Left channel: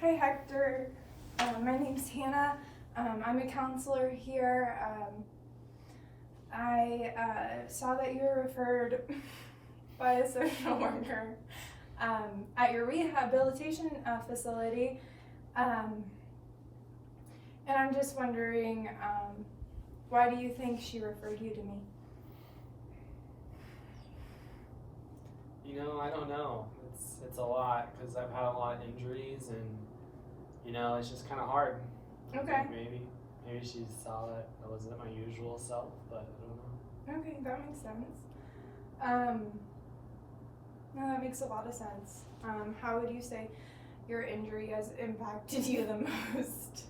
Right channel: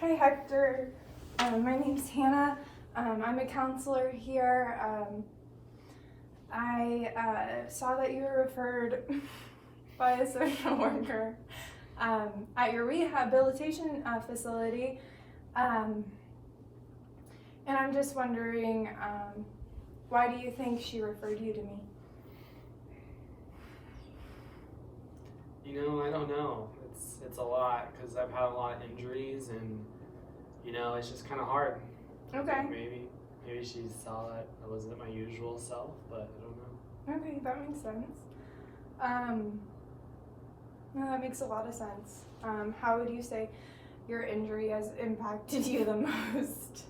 Hi Hector, my name's Hannah. I'm a counselor here. I saw that you were referred by a social worker at your rehabilitation facility, and I'm just wondering, why do you think she referred you to me? I don't know. It's a lot because I've had a lot of injuries and it's just kind of hard. Okay. Maybe she saw that I wasn't my usual self, but I don't know. Okay, that makes sense. No, that makes a lot of sense. How would you say your injury has impacted you the most?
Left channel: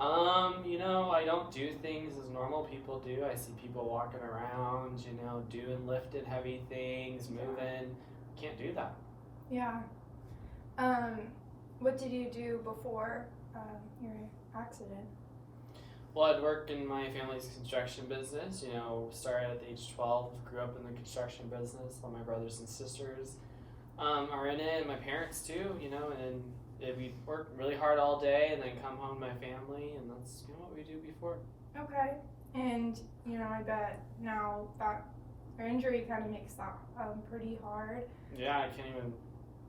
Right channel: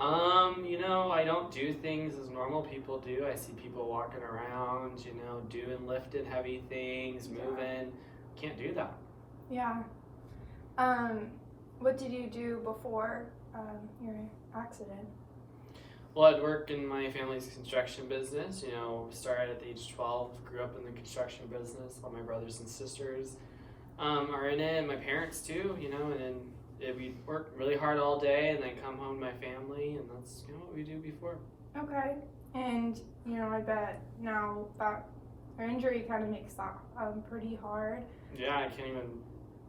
I don't do things as normal people do. I see people walking around, doing lifting heavy things, moving. Can't do that. Yeah. What did you do before your accident? Well, I'd worked in my family's construction business. Started at the age of 12, grew up in the construction business. All my brothers and sisters are in it, and my parents too, and then we work really hard all day and then come home to my family, and that's what we do before. Okay. And, I bet now that your injury kind of makes that pretty hard. Yeah, I can't even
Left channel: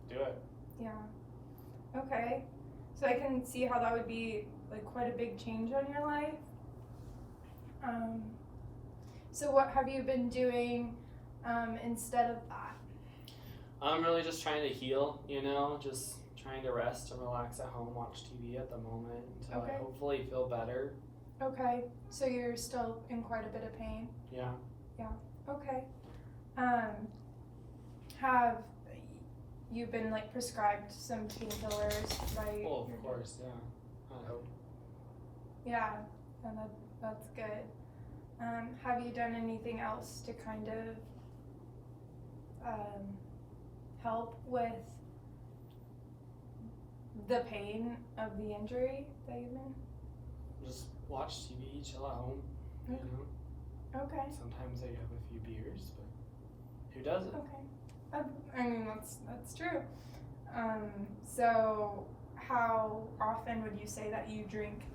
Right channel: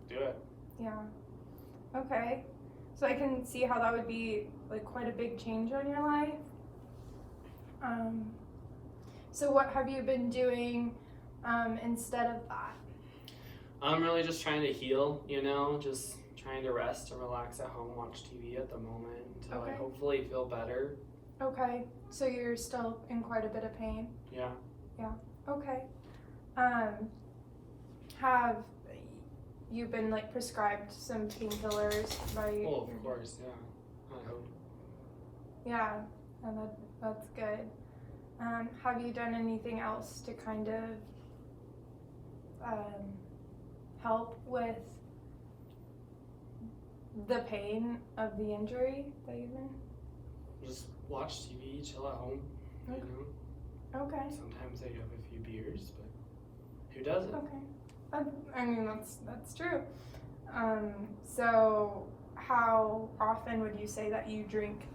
do it. Yeah. Okay. So I can see how that would be like quite a big change on your life. So what have you been doing instead of that? I'm really just trying to heal, just trying to rest and relax at home, watch TV at the moment until I hopefully feel better. Okay, so you're still in quite a bit of pain? Yeah. Yeah, okay. Have you been prescribed some painkillers by... Well, of course, yeah. I hope. Yeah, and that's good. Have you done anything else to kind of help with the pain of the injury that you've been? Just watch TV, chill at home, Okay. Sometimes I have a few beers, but who doesn't? Okay. I mean, that's true. So how often would you say that you drink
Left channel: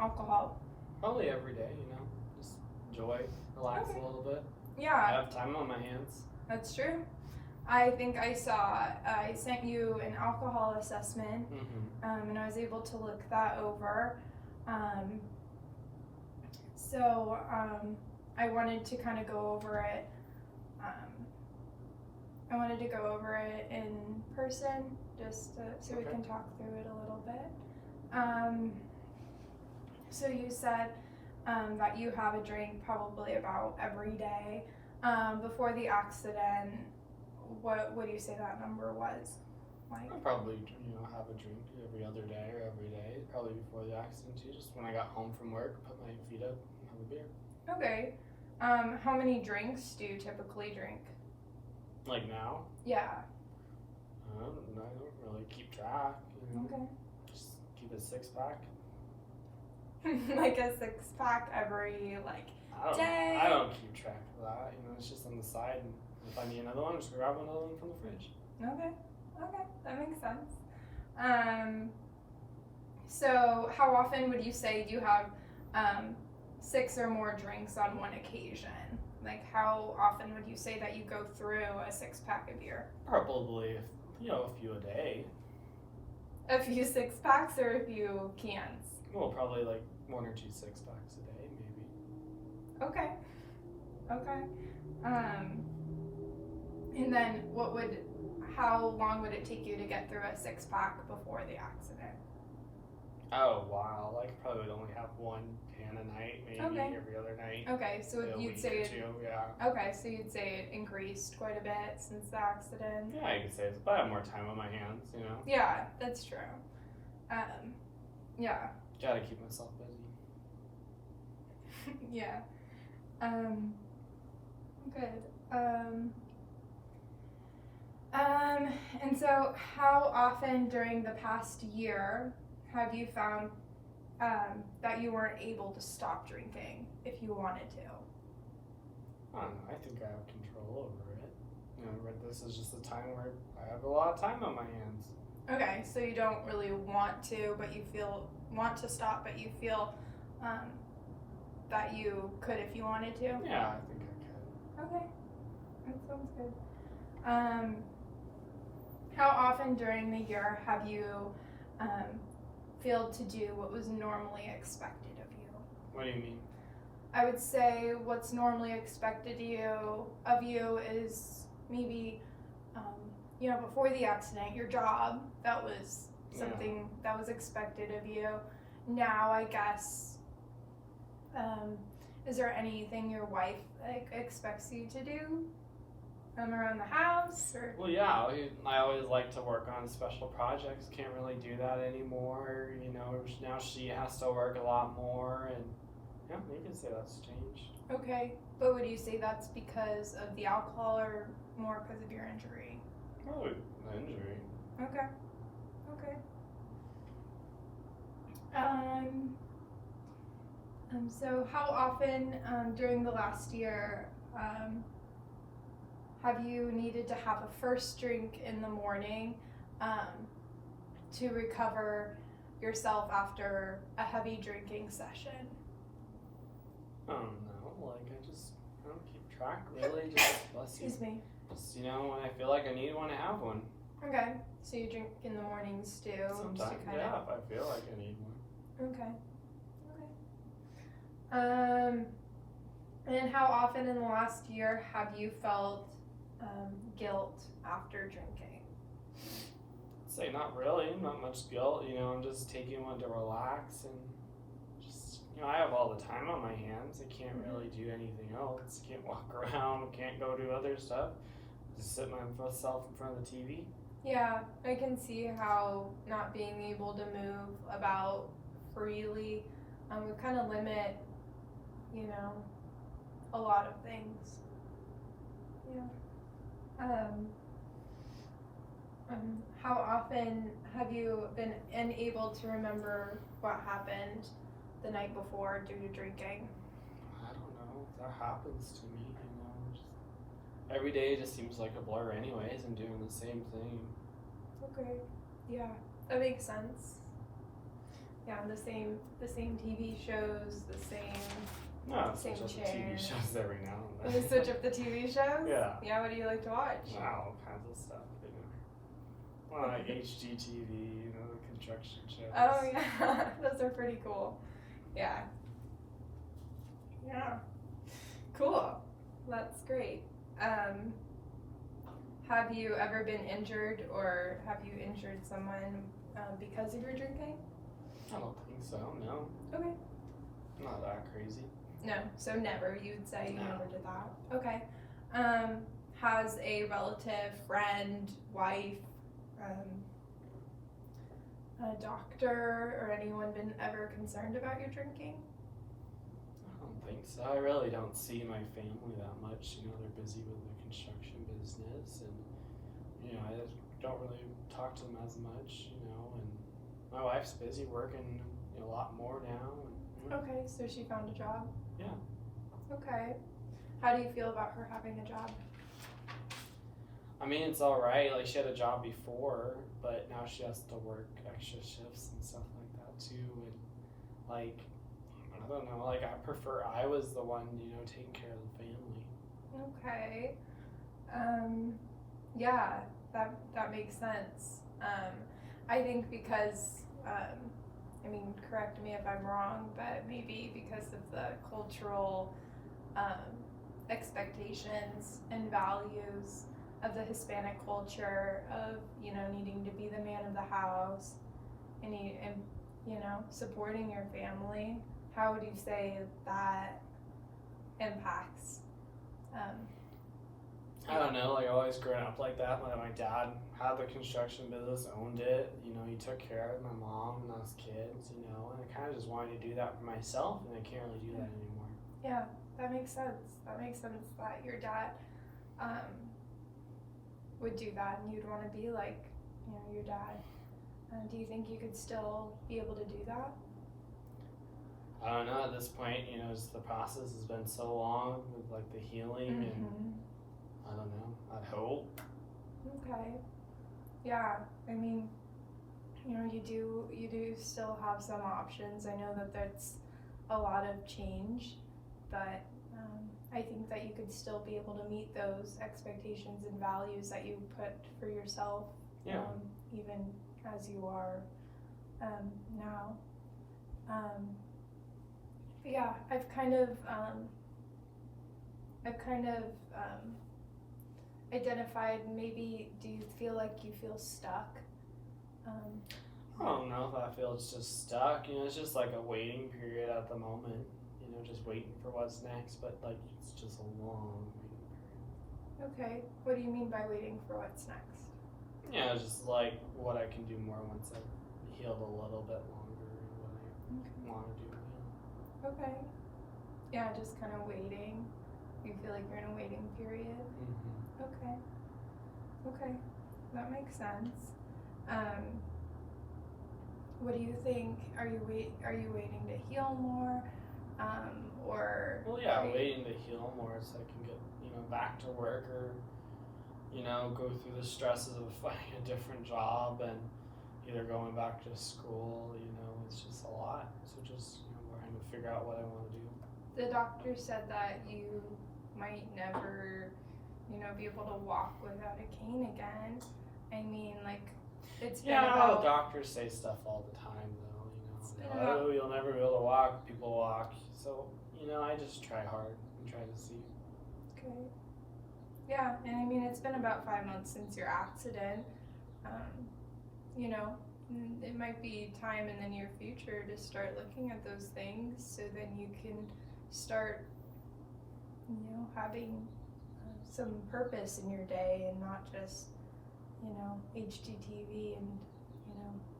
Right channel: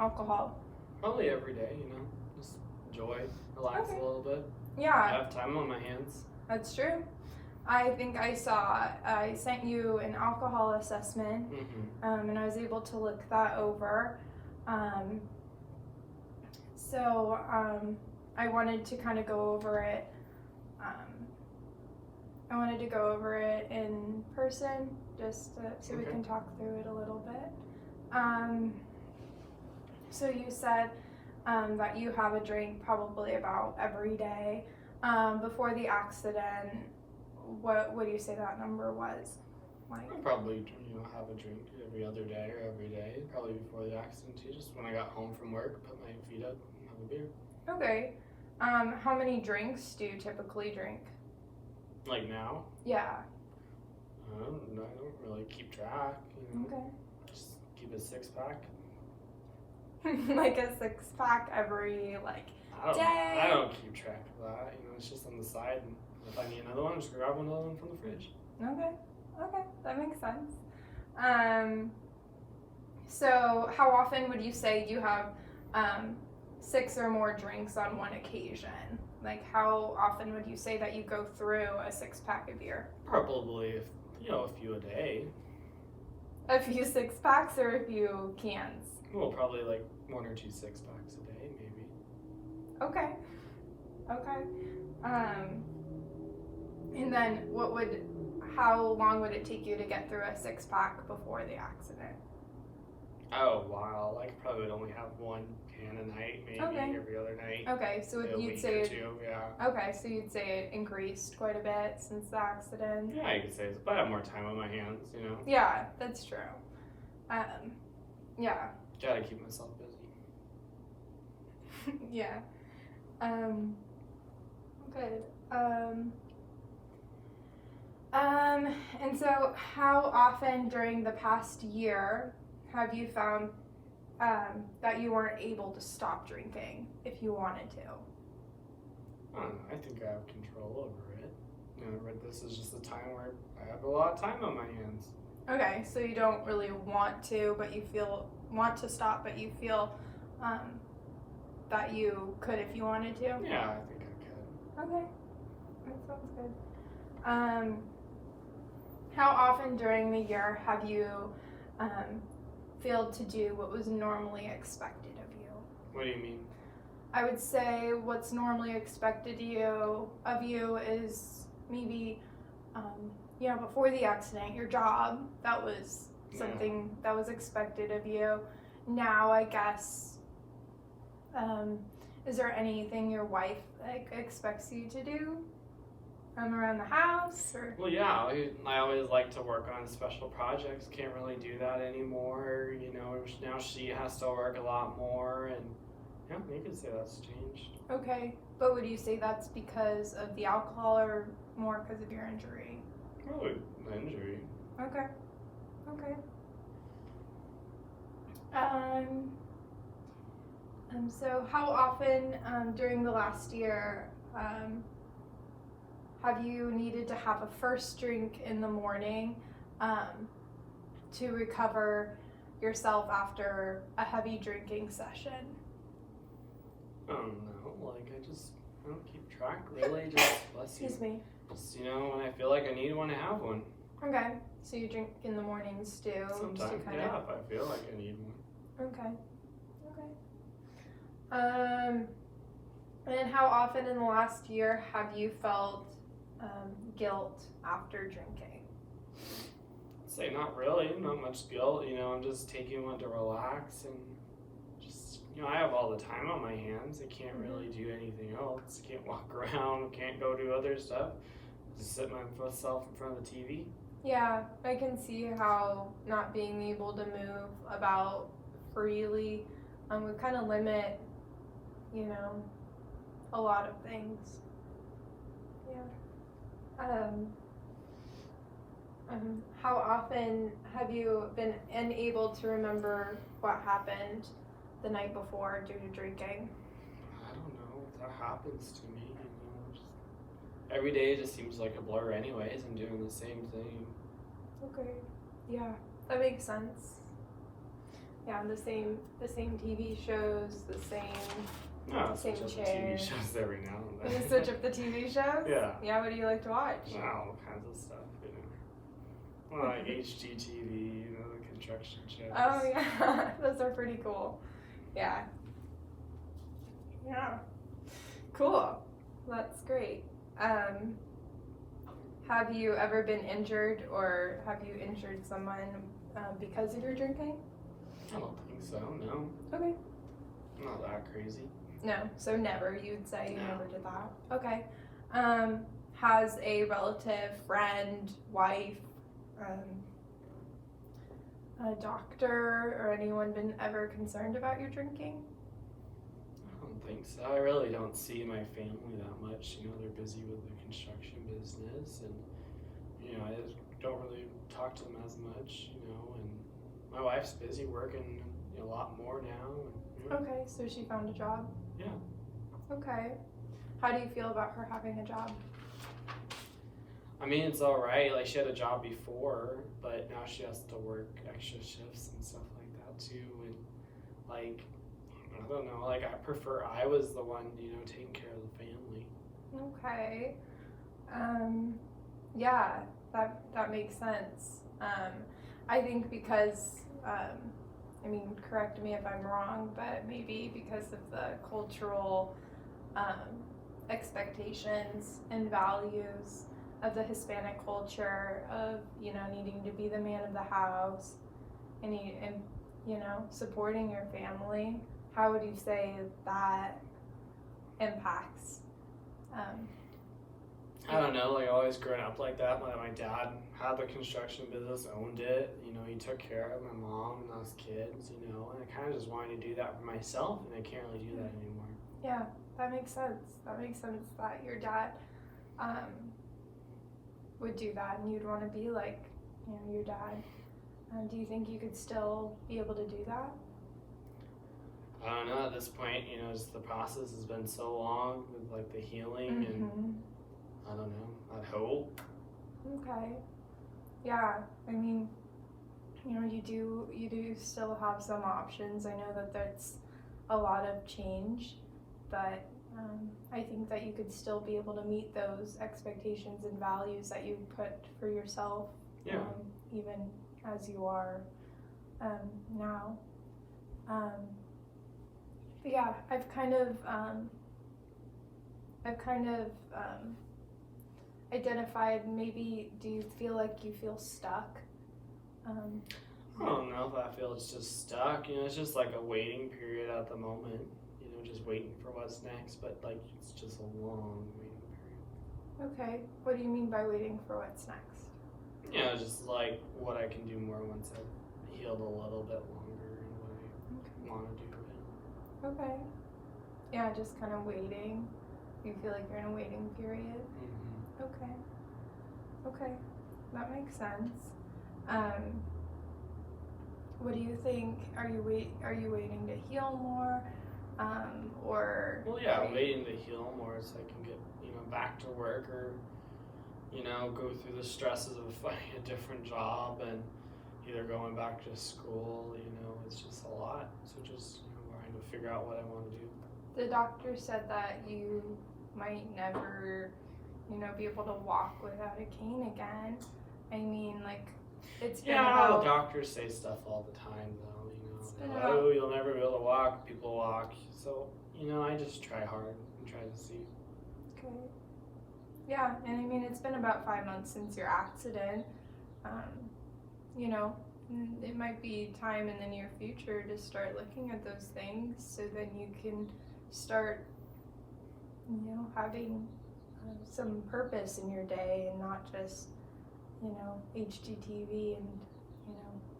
alcohol? Probably every day, just enjoy, relax a little bit. Yeah. I have time on my hands. That's true. I think I sent you an alcohol assessment, and I was able to look that over. So I wanted to kind of go over it. I wanted to go over it in person, just so we can talk through it a little bit. So you said that you have a drink probably about every day. Before the accident, what would you say that number was? I probably have a drink every other day or every day, probably before the accident too. Just when I got home from work, put my feet up and have a beer. Okay. How many drinks do you typically drink? Like now? Yeah. I don't really keep track. Okay. Just keep a 6-pack. Like a 6-pack every day? I don't keep track of that. It's just on the side. And if I need another one, just grab another one from the fridge. Okay, that makes sense. So how often would you say you have 6 or more drinks on one occasion? How often would you say that you go through a 6-pack of beer? Probably, a few a day. A few 6-packs or a few cans? Well, probably 1 or 2 6-packs a day, maybe. Okay. And then how long would it take you to get through a 6-pack before the accident? Oh, wow. Probably would only have 1 can a night, maybe every other night. Okay, so you'd say yeah. Okay, so you'd say it increased quite a bit since the accident. Yeah, you could say it's, but I have more time on my hands, Yeah, that's true. Yeah. Gotta keep myself busy. Yeah. Good. And so how often during the past year have you found that you weren't able to stop drinking if you wanted to? I think I have control over it. but this is just a time where I have a lot of time on my hands. Okay, so you don't really want to, but you want to stop, but you feel that you could if you wanted to? Yeah, I think I could. Okay, that sounds good. How often during the year have you failed to do what was normally expected of you? What do you mean? I would say what's normally expected of you is maybe, before the accident, your job, that was something that was expected of you. Now, I guess, is there anything your wife expects you to do around the house? Or? Well, yeah, I always like to work on special projects. Can't really do that anymore. Now she has to work a lot more, and yeah, you can say that's changed. Okay, but would you say that's because of the alcohol or more because of your injury? Probably the injury. Okay. So how often during the last year have you needed to have a first drink in the morning to recover yourself after a heavy drinking session? I don't know. I don't keep track really. Just bless you. Excuse me. Just when I feel like I need one, I have one. Okay, so you drink in the mornings too? Sometimes, yeah, if I feel like I need one. Okay. And how often in the last year have you felt guilt after drinking? I'd say not really, not much guilt. I'm just taking one to relax and just, I have all the time on my hands. I can't really do anything else. Can't walk around, can't go do other stuff. Just sit myself in front of the TV. Yeah, I can see how not being able to move about freely would kind of limit, a lot of things. Yeah. How often have you been unable to remember what happened the night before due to drinking? I don't know. That happens to me, just every day just seems like a blur anyways. I'm doing the same thing. Okay. Yeah, that makes sense. Yeah, the same TV shows, the same. No, same switch up chair. the TV shows every now and You then. switch up the TV shows? Yeah. Yeah, what do you like to watch? All kinds of stuff, Well, like HGTV, the construction shows. Oh yeah, those are pretty cool. Yeah. Yeah. Cool. That's great. Have you ever been injured or have you injured someone because of your drinking? I don't think so, no. Okay. Not that crazy. No, so never, you'd say you No. never did that. Okay. Has a relative, friend, wife, a doctor, or anyone been ever concerned about your drinking? I don't think so. I really don't see my family that much. They're busy with the construction business, and I don't really talk to them as much. And my wife's busy working a lot more now. Okay, so she found a job? Yeah. Okay. How do you feel about her having a job? I mean, it's all right. Like, she had a job before, but now she has to work extra shifts and stuff like that too. And I don't know. I was the one, taking care of the family. Okay. Yeah, that makes sense. I think because, correct me if I'm wrong, but maybe because of the cultural expectations and values of the Hispanic culture of, needing to be the man of the house and supporting your family. How would you say that impacts? I don't know, always growing up like that. My dad had the construction business, owned it, he took care of my mom and us kids, and I kind of just wanted to do that for myself, and I can't really do that anymore. Yeah, that makes sense. That makes sense that your dad would do that, and you'd want to be like, your dad. Do you think you could still be able to do that? I don't know, at this point, just the process has been so long with the healing, and I don't know. I'd hope. Okay. Yeah, I mean, you do still have some options. I know that that's a lot of change, but I think that you could still be able to meet those expectations and values that you put for yourself, Yeah. Even as you are now. But yeah, I've kind of identified. Maybe, do you feel like you feel stuck? I don't know if I feel it's just stuck. It's just like a waiting period at the moment. Just waiting for what's next. But like, it's just a long waiting period. Okay. What do you mean by waiting for what's next? Just like what I can do more once I've healed a little bit longer and what I want to do. Okay. Yeah, just kind of waiting. You feel like you're in a waiting period. Mm-hmm. Okay, that makes sense. What do you think? Are you waiting to heal more, or? Well, yeah, waiting to heal more so I can get back to work, or go through the stresses of finding a different job and either going back to school. It's just a lot. So just trying to figure out what I want to do. The doctor said that you might never, be able to walk without a cane again. I mean, like, it's been about... the doctors say stuff all the time, though. You'll never be able to walk. People walk. So, I just try hard and try to see. Okay. Yeah, and I mean, it's been about 5 months since your accident. It might be time in the near future to start looking at those things, so then you can start, having some purpose in your day and not just, HGTV and,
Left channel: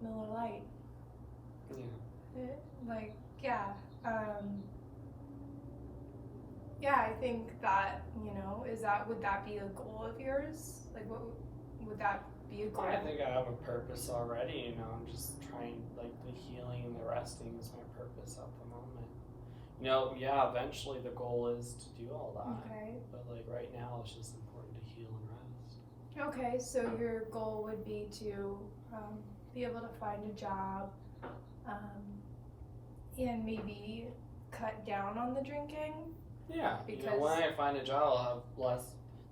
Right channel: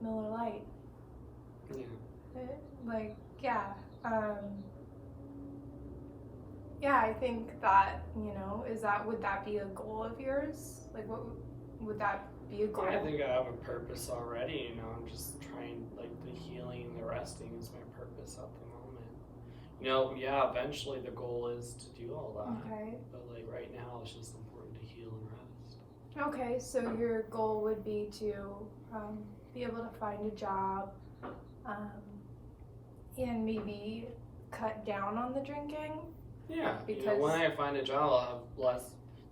Miller Lite. Yeah. Yeah, I think that, would that be a goal of yours? Like, what would that be a goal? I think I have a purpose already, I'm just trying, like, the healing and the resting is my purpose at the moment. Eventually the goal is to do all that. Okay. But, like, right now it's just important to heal and rest. Okay, so your goal would be to be able to find a job and maybe cut down on the drinking? Yeah, because when I find a job, I'll have less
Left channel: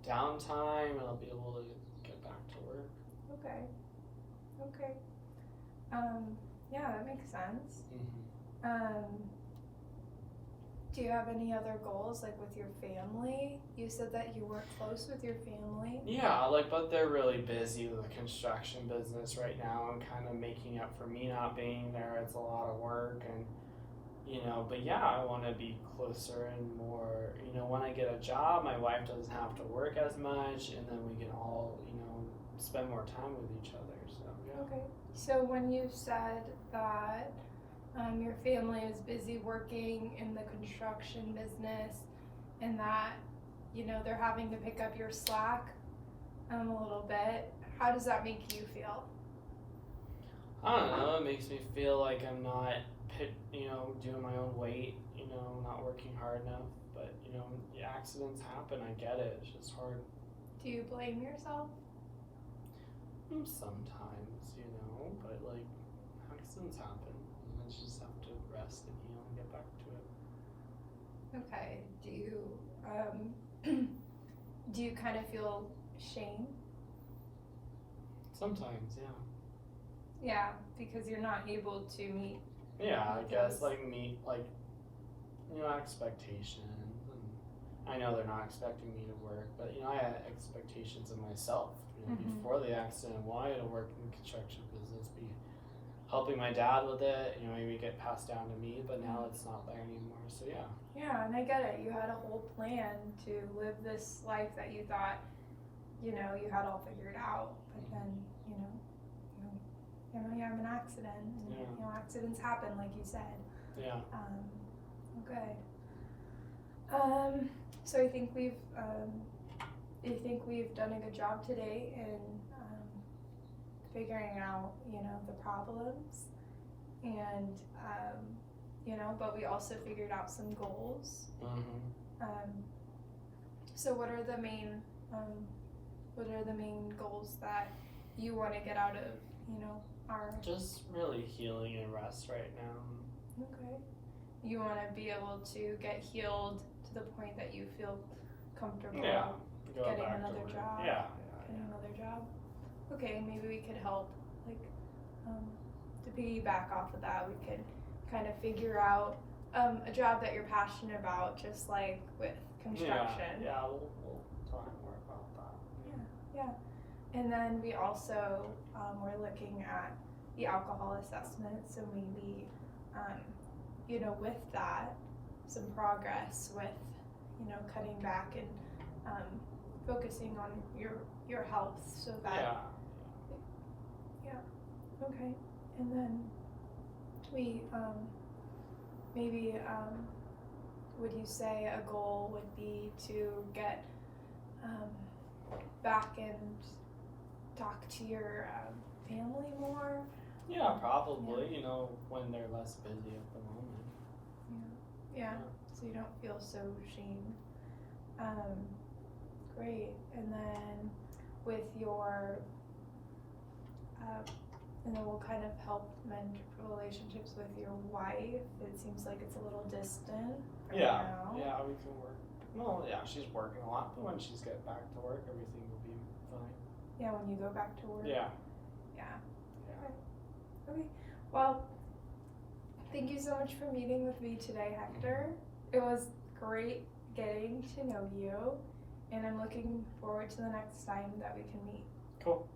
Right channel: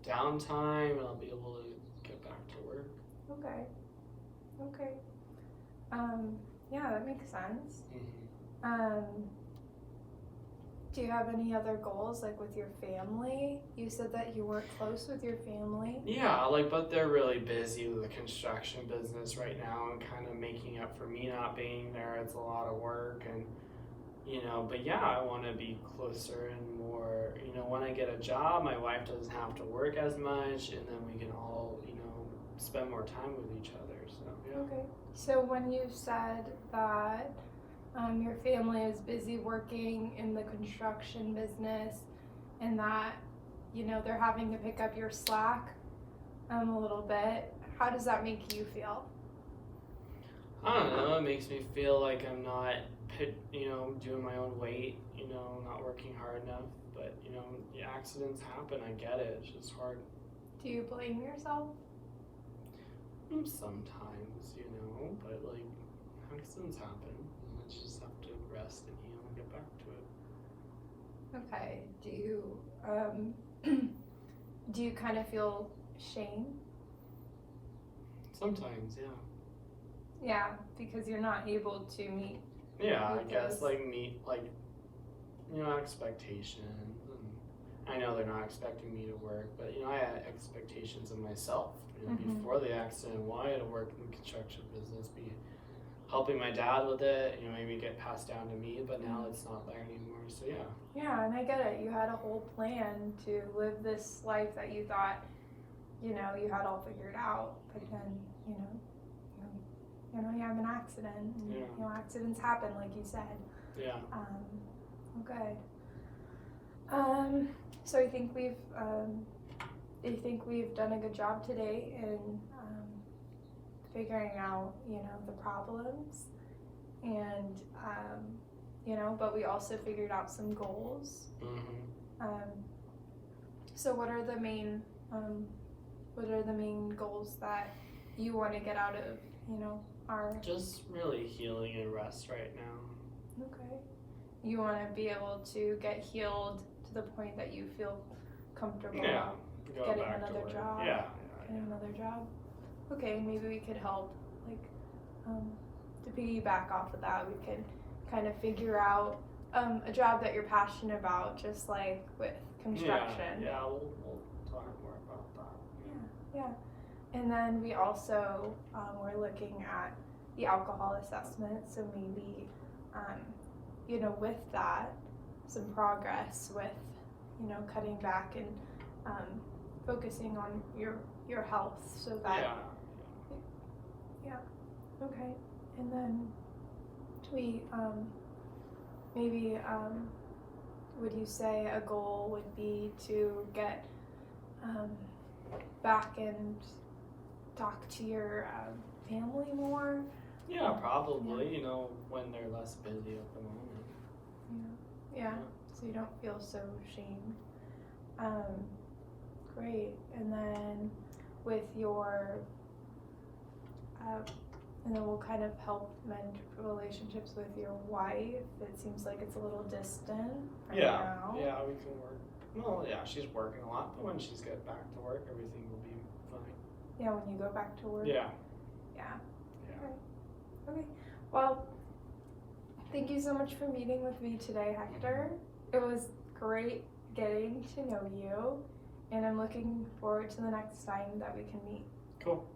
downtime and I'll be able to get back to work. Okay. Yeah, that makes sense. Mm-hmm. Do you have any other goals, like with your family? You said that you weren't close with your family. Yeah, but they're really busy with the construction business right now and kind of making up for me not being there. It's a lot of work and, but yeah, I want to be closer and more, when I get a job, my wife doesn't have to work as much and then we can all, spend more time with each other, so yeah. Okay, so when you said that your family is busy working in the construction business and that, they're having to pick up your slack a little bit, how does that make you feel? I don't know, it makes me feel like I'm not, doing my own weight, not working hard enough, but, accidents happen, I get it, it's just hard. Do you blame yourself? Sometimes, but like, accidents happen, let's just have to rest and heal and get back to it. Okay, do you kind of feel shame? Sometimes, yeah. Yeah, because you're not able to meet. Yeah, I guess meet expectations, and I know they're not expecting me to work, but I had expectations of myself. Before the accident, wanted to work in the construction business, be helping my dad with it. Maybe get passed down to me, but now it's not there anymore. So yeah. Yeah, and I get it. You had a whole plan to live this life that you thought, you had all figured out, but then you have an accident, and accidents happen, like you said. Yeah. Okay. So I think we've done a good job today in figuring out, the problems, and but we also figured out some goals. Mm-hmm. So what are the main What are the main goals that you want to get out of, our... Just really healing and rest right now. Okay. You want to be able to get healed to the point that you feel comfortable Go getting back to another work. job. Yeah. Getting another job. Okay, maybe we could help, to piggyback off of that, we could kind of figure out a job that you're passionate about, just like with construction. Yeah, we'll talk more about that. Yeah. And then we also, we're looking at the alcohol assessment, so maybe, with that, some progress with, cutting back and focusing on your health, so that... Okay. And then we, maybe, would you say a goal would be to get back and talk to your family more? Yeah, probably, when they're less busy at the moment. Yeah, so you don't feel so ashamed. Great. And then with your, and then we'll kind of help mend relationships with your wife. It seems like it's a little distant right now. Yeah, we can work. Well, yeah, she's working a lot, but when she's get back to work, everything will be fine. Yeah, when you go back to work. Yeah. Okay. Well, thank you so much for meeting with me today, Hector. It was great getting to know you, and I'm looking forward to the next time that we can meet. Cool.